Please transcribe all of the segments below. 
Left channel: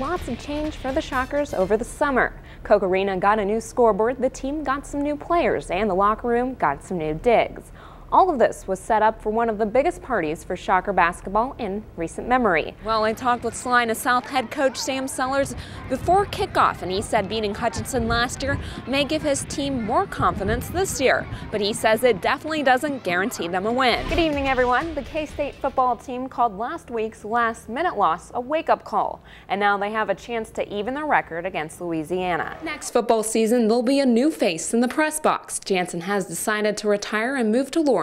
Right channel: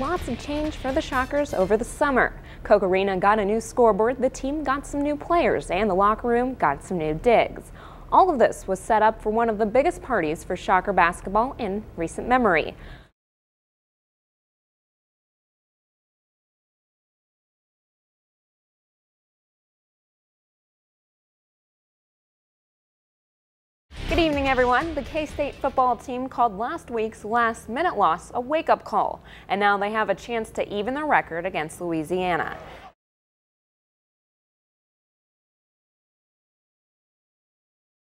lots of change for the Shockers over the summer. Koch Arena got a new scoreboard, the team got some new players, and the locker room got some new digs. All of this was set up for one of the biggest parties for Shocker basketball in recent memory. Well, I talked with Salina South head coach Sam Sellers before kickoff, and he said beating Hutchinson last year may give his team more confidence this year. But he says it definitely doesn't guarantee them a win. Good evening, everyone. The K-State football team called last week's last-minute loss a wake-up call, and now they have a chance to even their record against Louisiana. Next football season, there'll be a new face in the press box. Jansen has decided to retire and move to Lawrence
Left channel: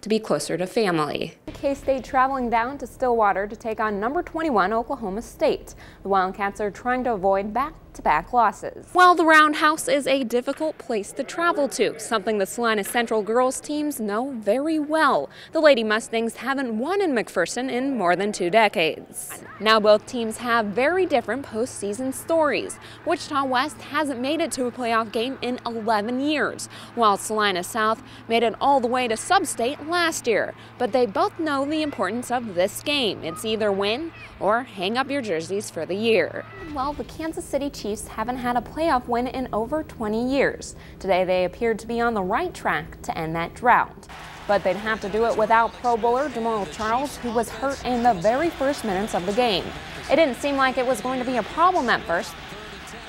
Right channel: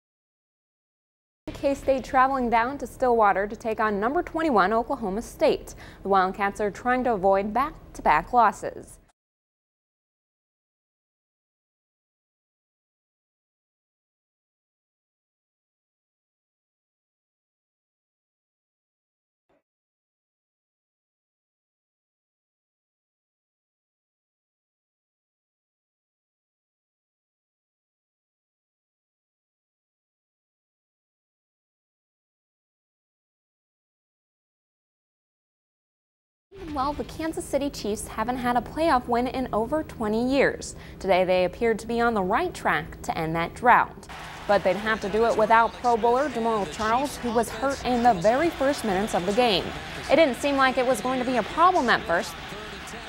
to be closer to family. K-State traveling down to Stillwater to take on number 21 Oklahoma State. The Wildcats are trying to avoid back-to-back losses. Well, the Roundhouse is a difficult place to travel to, something the Salina Central girls teams know very well. The Lady Mustangs haven't won in McPherson in more than 2 decades. Now both teams have very different postseason stories. Wichita West hasn't made it to a playoff game in 11 years, while Salina South made it all the way to sub-state last year. But they both know the importance of this game. It's either win or hang up your jerseys for the year. Well, the Kansas City Chiefs haven't had a playoff win in over 20 years. Today they appeared to be on the right track to end that drought. But they'd have to do it without Pro Bowler Jamal Charles, who was hurt in the very first minutes of the game. It didn't seem like it was going to be a problem at first.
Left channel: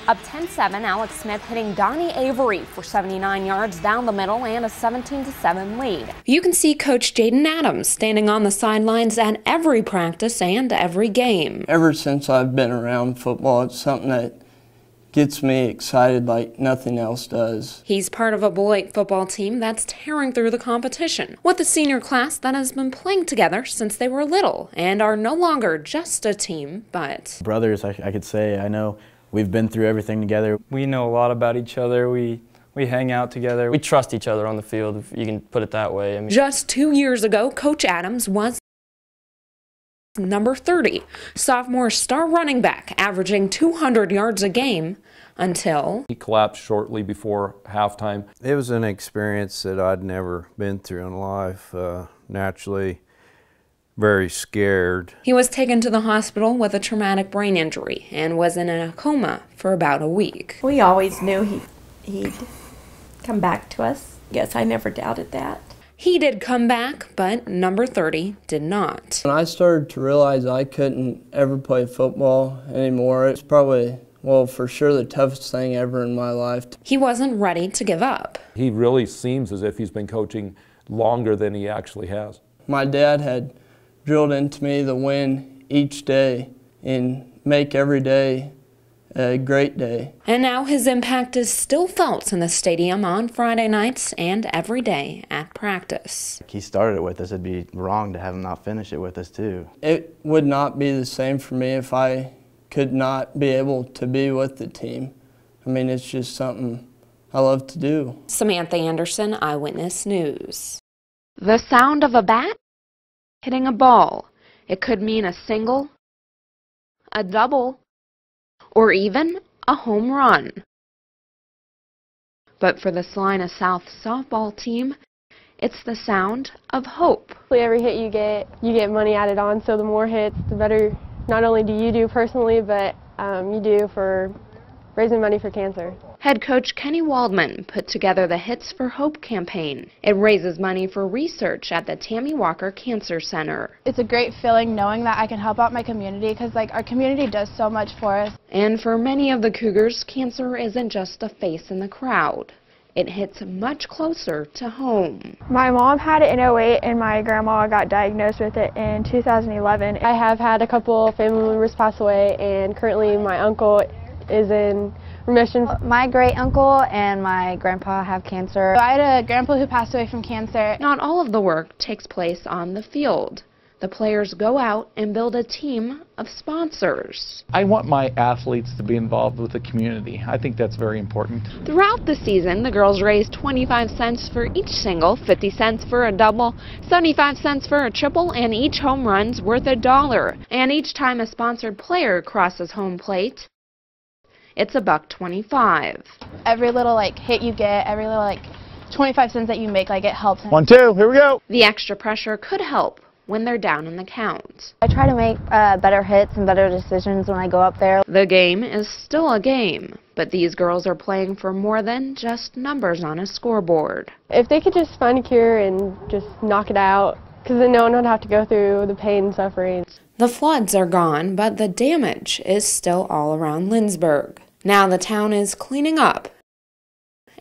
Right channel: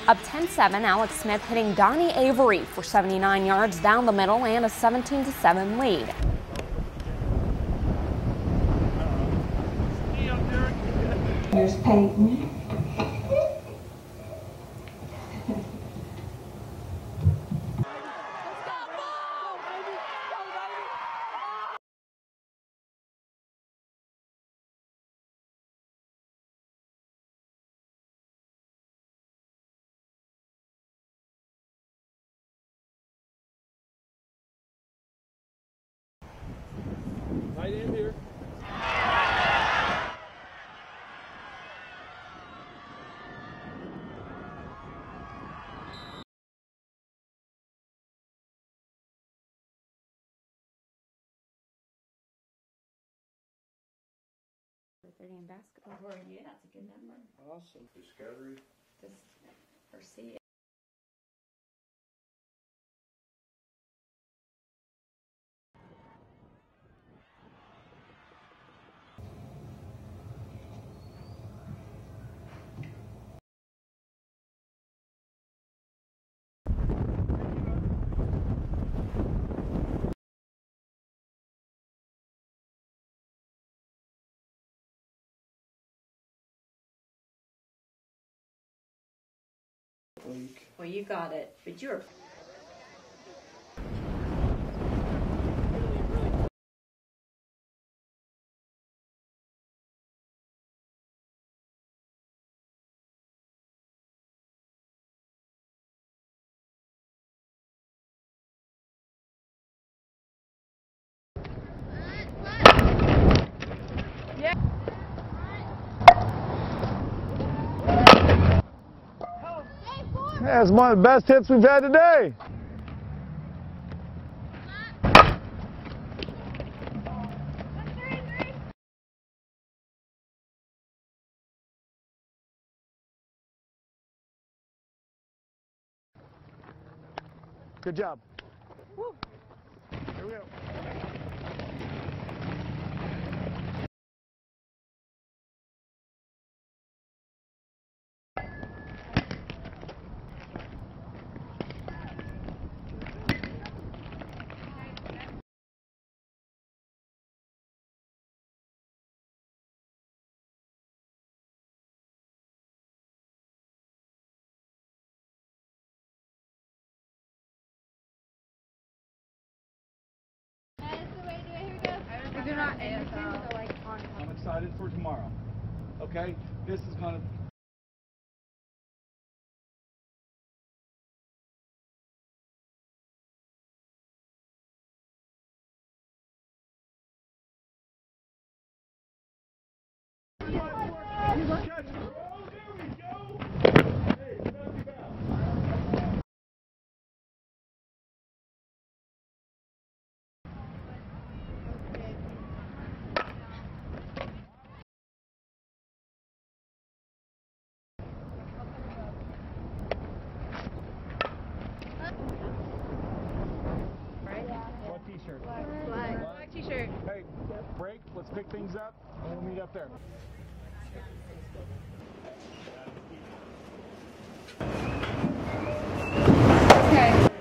Up 10-7, Alex Smith hitting Donnie Avery for 79 yards down the middle and a 17-7 lead. You can see Coach Jaden Adams standing on the sidelines at every practice and every game. Ever since I've been around football, it's something that gets me excited like nothing else does. He's part of a Beloit football team that's tearing through the competition, with a senior class that has been playing together since they were little and are no longer just a team, but brothers, I could say. I know we've been through everything together. We know a lot about each other. We hang out together. We trust each other on the field, if you can put it that way. I mean, just 2 years ago, Coach Adams was number 30, sophomore star running back, averaging 200 yards a game until he collapsed shortly before halftime. It was an experience that I'd never been through in life. Naturally, very scared. He was taken to the hospital with a traumatic brain injury and was in a coma for about a week. We always knew he'd come back to us. Yes, I never doubted that. He did come back, but number 30 did not. When I started to realize I couldn't ever play football anymore, it's probably, well, for sure the toughest thing ever in my life. He wasn't ready to give up. He really seems as if he's been coaching longer than he actually has. My dad had drilled into me the win each day and make every day a great day. And now his impact is still felt in the stadium on Friday nights and every day at practice. He started it with us. It'd be wrong to have him not finish it with us too. It would not be the same for me if I could not be able to be with the team. I mean, it's just something I love to do. Samantha Anderson, Eyewitness News. The sound of a bat hitting a ball. It could mean a single, a double, or even a home run. Yeah, it's one of the best hits we've had today. But for the Salina South softball team, it's the sound of hope. Every hit you get money added on, so the more hits, the better not only do you do personally, but you do for raising money for cancer. Head coach Kenny Waldman put together the Hits for Hope campaign. It raises money for research at the Tammy Walker Cancer Center. It's a great feeling knowing that I can help out my community, because our community does so much for us. And for many of the Cougars, cancer isn't just a face in the crowd. It hits much closer to home. My mom had it in 2008 and my grandma got diagnosed with it in 2011. I have had a couple family members pass away, and currently my uncle is in remission. My great uncle and my grandpa have cancer. I had a grandpa who passed away from cancer. Not all of the work takes place on the field. The players go out and build a team of sponsors. I want my athletes to be involved with the community. I think that's very important. Throughout the season, the girls raise 25 cents for each single, 50 cents for a double, 75 cents for a triple, and each home run's worth $1. And each time a sponsored player crosses home plate, it's $1.25. Every little hit you get, every little 25 cents that you make, it helps. 1, 2, here we go. The extra pressure could help when they're down in the count. I try to make better hits and better decisions when I go up there. The game is still a game, but these girls are playing for more than just numbers on a scoreboard. If they could just find a cure and just knock it out, because then no one would have to go through the pain and suffering. The floods are gone, but the damage is still all around Lindsborg. Now the town is cleaning up,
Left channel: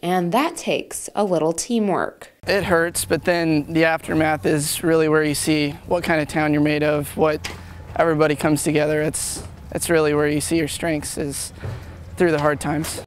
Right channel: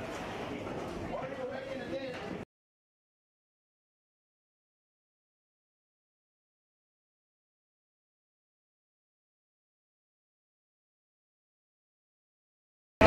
and that takes a little teamwork. It hurts, but then the aftermath is really where you see what kind of town you're made of, what everybody comes together. It's really where you see your strengths, is through the hard times.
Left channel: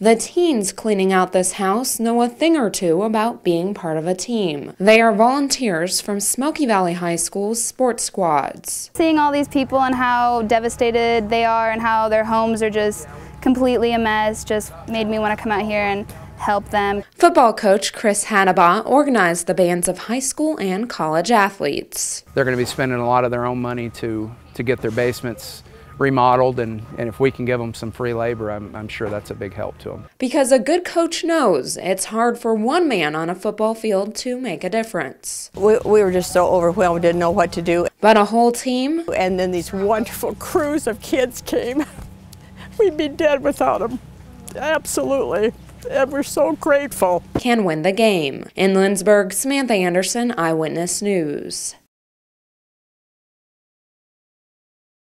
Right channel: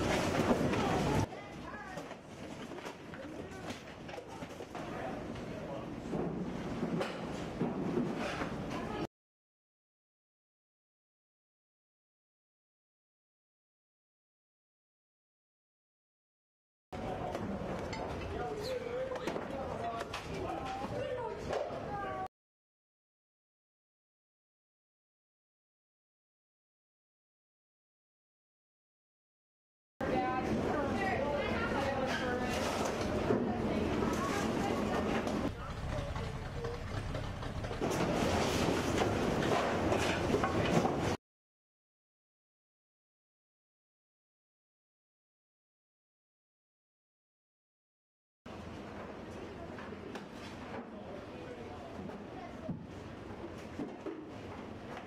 The teens cleaning out this house know a thing or two about being part of a team. They are volunteers from Smoky Valley High School's sports squads. Seeing all these people and how devastated they are and how their homes are just completely a mess just made me want to come out here and help them. Football coach Chris Hannibal organized the bands of high school and college athletes. They're going to be spending a lot of their own money to get their basements remodeled, and if we can give them some free labor, I'm sure that's a big help to them. Because a good coach knows it's hard for one man on a football field to make a difference. We were just so overwhelmed, didn't know what to do. But a whole team, and then these wonderful crews of kids came. We'd be dead without them. Absolutely. And we're so grateful. Can win the game. In Lindsborg, Samantha Anderson, Eyewitness News.